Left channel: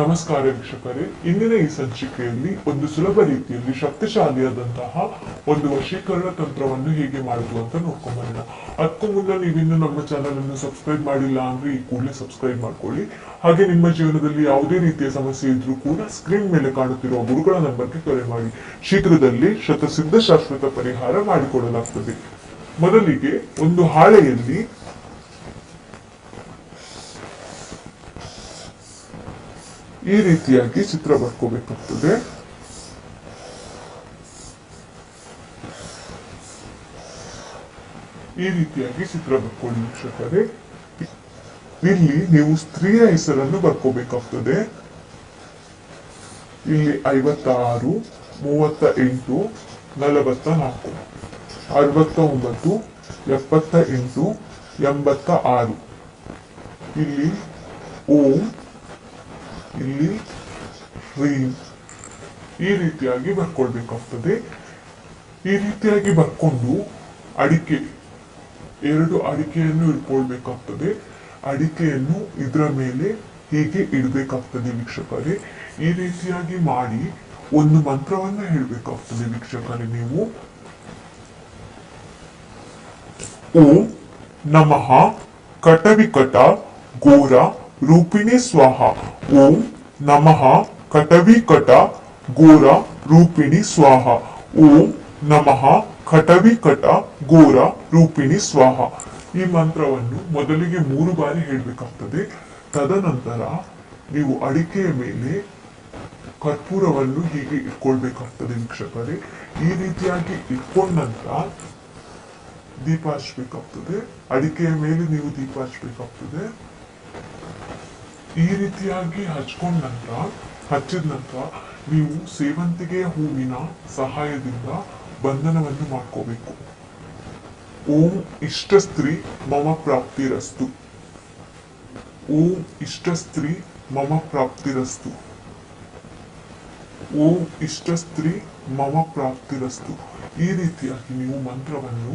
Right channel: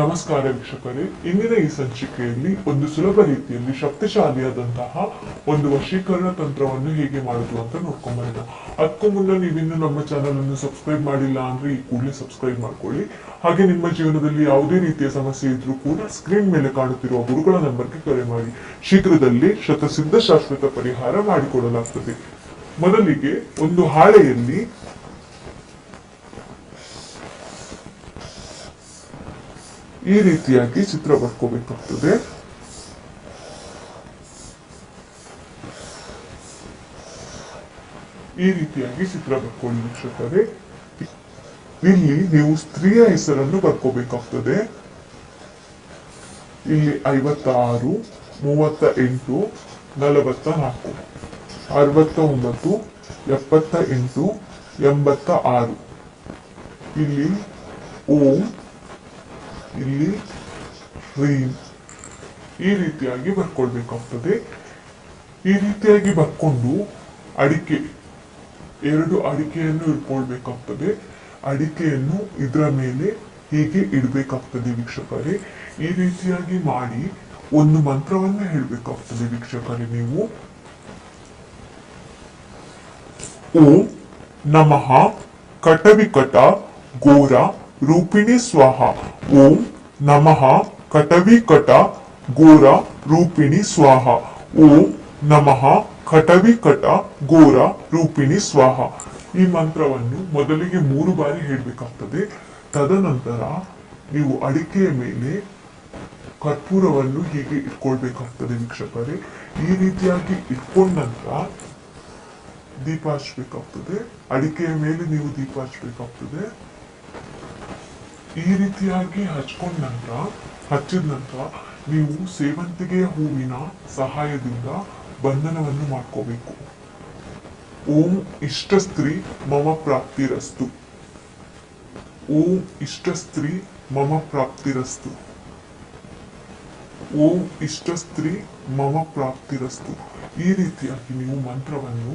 ನಮಸ್ಕಾರ ವೀಕ್ಷಕರೇ, ಇಂದಿನ ಈ ಸಂಚಿಕೆಯಲ್ಲಿ ಒಂದು ಸುಲಭ ರೀತಿಯಲ್ಲಿ ಶಕ್ತಿಶಾಲಿಯಾದಂತಹ ಒಂದು ವಶೀಕರಣ ತಂತ್ರವನ್ನು ಹೇಗೆ ಮಾಡುದು ಅಂತ ನೋಡ್ಕೊಂಬರೋಣ. ಅದಕ್ಕೂ ಮುನ್ನ ನೀವಿನ್ನು ನಮ್ಮ ಚಾನಲ್ ಅನ್ನು ಸಬ್ಸ್ಕ್ರೈಬ್ ಮಾಡಿಲ್ಲ ಅಂದ್ರೆ ಈ ಕೂಡಲೇ ಸಬ್ಸ್ಕ್ರೈಬ್ ಮಾಡ್ಕೊಳ್ಳಿ. ಹಾಗೆ ನಿಮ್ಮ ಜೀವನದಲ್ಲಿ ಯಾವುದೇ ರೀತಿಯ ಸಮಸ್ಯೆ ಇದ್ರೂ ಕೂಡ ಸ್ಕ್ರೀನ್ ಮೇಲೆ ಕಾಣುತ್ತಿರುವ ಗುರುಗಳ ನಂಬರ್ಗೆ ಕರೆ ಮಾಡಿ. ಶೀಘ್ರದಲ್ಲಿ ಶತಸಿದ್ಧ ಶಾಶ್ವತ ಪರಿಹಾರ ಮಾಡಿಕೊಡಲಾಗ್ತದೆ. ಮೊದಲಿಗೆ ಒಂದು ಹಾಳೆಯಲ್ಲಿ ಈ ರೀತಿಯಾಗಿ ಚಿತ್ರ ಬರ್ಕೋಬೇಕಾಗ್ತದೆ. ಈ ರೀತಿಯಾಗಿ ಚಿತ್ರ ಬರ್ಕೊಳ್ಳಿ ವೀಕ್ಷಕರೇ. ಇಲ್ಲಿ ನೀವು ಸ್ತ್ರೀಯ ಹೆಸರನ್ನು ಬರ್ಕೋಬೇಕಾಗ್ತದೆ. ಇಲ್ಲಿ 56, 38, 44, 69, 78, 86. ಇಲ್ಲಿ ಓಂ, ಇಲ್ಲಿ ರೀಂ, ಈ ರೀತಿಯಾಗಿ ಬರ್ಕೊಳ್ಬೇಕಾಗ್ತದೆ. ಈ ರೀತಿಯಾಗಿ ಬರ್ಕೊಂಡು ಎರಡು ಅಡಿಕೆಯನ್ನು ಇಟ್ಕೊಳ್ಬೇಕಾಗ್ತದೆ. ಅಡಿಕೆಯನ್ನು ಇದರ ಮೇಲೆ ಹೀಗೆ ಇಡಬೇಕಾಗ್ತದೆ ವೀಕ್ಷಕರೇ. ಈ ರೀತಿಯಾಗಿ ಮಾಡಿ ಒಂದು ಮಂತ್ರವನ್ನು ಹೇಳಬೇಕಾಗ್ತದೆ ವೀಕ್ಷಕರೇ. ನೀವು ಓಂ ನಮಃ ಕಟವಿಕಟ ಘೋರ ರೂಪಿಣಿ ಸ್ವಾಹ. ಓಂ ನಮಃ ಕಟವಿಕಟ ಘೋರ ರೂಪಿಣಿ ಸ್ವಾಹ. ಓಂ ನಮಃ ಕಟವಿಕಟ ಘೋರ ರೂಪಿಣಿ ಸ್ವಾಹ. ಈ ಮಂತ್ರವನ್ನು ಮೊದಲಿಗೆ 3 ಬಾರಿ ಹೇಳಬೇಕಾಗ್ತದೆ. ತದನಂತರ ನೀವು ಅಡಿಕೆಯ ಮೇಲೆ ಕರ್ಪೂರವನ್ನು ಹೀಗೆ ಇಟ್ಕೊಳ್ಬೇಕಾಗ್ತದೆ ವೀಕ್ಷಕರೇ. ಈ ರೀತಿಯಾಗಿ ಇಟ್ಕೊಂಡ ನಂತರ ದೀಪ ಹಚ್ಚಬೇಕಾಗ್ತದೆ. ಅಡಿಕೆಯ ಮೇಲೆ ನೀವು ದೀಪ ಹಚ್ಚಬೇಕಾಗ್ತದೆ. ಈ ರೀತಿಯಾಗಿ ಹಚ್ಚಿದ ನಂತರ ನೀವು ಸೇವಂತಿಗೆಯ ಹೂವಿನ ಸಹಾಯದಿಂದ ಬಂಧನವನ್ನು ಮಾಡ್ಕೋಬೇಕು. ಓಂ ಇಷ್ಟ ಸ್ತ್ರೀ ಮಮ ಪ್ರಾಪ್ತಿರಸ್ತು. ಓಂ ಇಷ್ಟ ಸ್ತ್ರೀ ಮಮ ಪ್ರಾಪ್ತಿರಸ್ತು. ಓಂ ಇಷ್ಟ ಸ್ತ್ರೀ ಮಮ ಪ್ರಾಪ್ತಿರಸ್ತು. ಈ ರೀತಿಯಾಗಿ ನೀವು ಮಂತ್ರವನ್ನು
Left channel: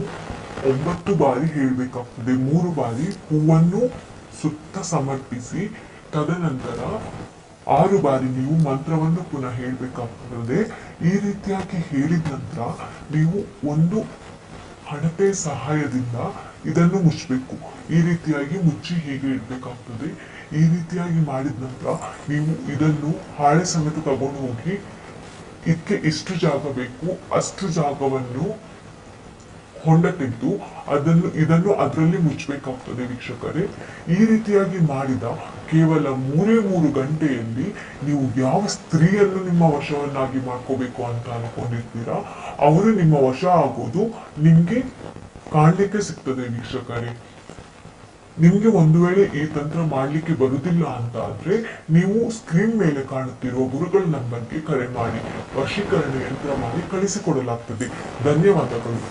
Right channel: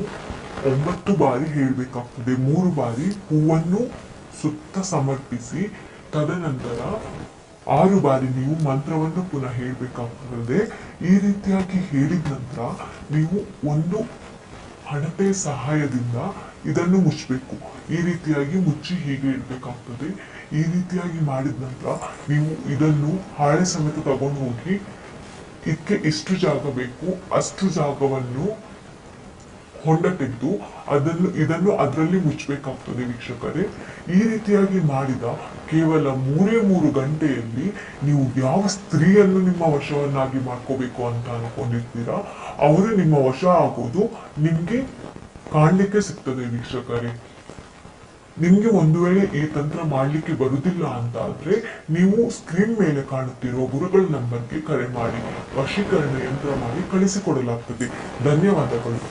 9 ಬಾರಿ ಹೇಳಬೇಕಾಗ್ತದೆ. 3 ಬಾರಿ ಹೂವನ್ನು ಸುತ್ತ ಸಮರ್ಪಿಸಿ ತದನಂತರ 6 ಬಾರಿ ನೀವು ಮಂತ್ರವನ್ನು ಪುನಃ ಹೇಳಬೇಕಾಗ್ತದೆ. ಈ ರೀತಿಯಾಗಿ ಹೇಳಿದ ನಂತರ ನೀವು ಒಂದು ಹಣತೆ ಸಹಾಯದಿಂದ ಇದನ್ನು ಮುಚ್ಚಬೇಕು. ಈ ರೀತಿಯಾಗಿ ಮುಚ್ಚಿ ಹೀಗೆ ಇಡಬೇಕಾಗ್ತದೆ. ಈ ರೀತಿಯಾಗಿ ಮಾಡಿದ ನಂತರ ನೀವು ಇದನ್ನು ಹಾಳೆ ಸಮೇತ ತಗೊಂಡು ಹೋಗಿ ಇದಕ್ಕೆ ಎಷ್ಟು ಜಾಗ ಬೇಕು ಅಷ್ಟು ಜಾಗವನ್ನು ಹೊಂಡ ತೆಗೆದು ಇದನ್ನು ಅದರಲ್ಲಿ ಮುಚ್ಚಬೇಕಾಗ್ತದೆ ವೀಕ್ಷಕರೇ. ಈ ರೀತಿಯಾಗಿ ಮಾಡಿದ ಕೇವಲ 3 ಗಂಟೆಯಲ್ಲಿ ನೀವು ಯಾವ ಸ್ತ್ರೀಯನ್ನು ನಿಮ್ಮ ವಶವನ್ನಾಗಿ ಮಾಡ್ಕೋಬೇಕು ಅಂತ ಅನ್ಕೊಂಡಿರ್ತೀರಾ ಅವರು ನಿಮ್ಮ ವಶ ಆಗೋದು ನಿಮ್ಗೆ ಕಾಣ್ಲಿಕ್ಕೆ ಸಿಗ್ತದೆ ವೀಕ್ಷಕರೇ. ನಿಮ್ಗೆ ಒಂದು ವೇಳೆ ಈ ತಂತ್ರ ಮಾಡ್ಲಿಕ್ಕೆ ಬರುವುದಿಲ್ಲ ಅಂತ ಆದ್ರೆ ನೀವು ಸ್ಕ್ರೀನ್ ಮೇಲೆ ಕಾಣುತ್ತಿರುವ ಗುರುಗಳ ನಂಬರ್ಗೆ ಕರೆ ಮಾಡಿ ವಶೀಕರಣ ಯಂತ್ರ ಮಾಡಿ ಕಳಿಸಿಕೊಡಲಾಗ್ತದೆ. ಧನ್ಯವಾದಗಳು.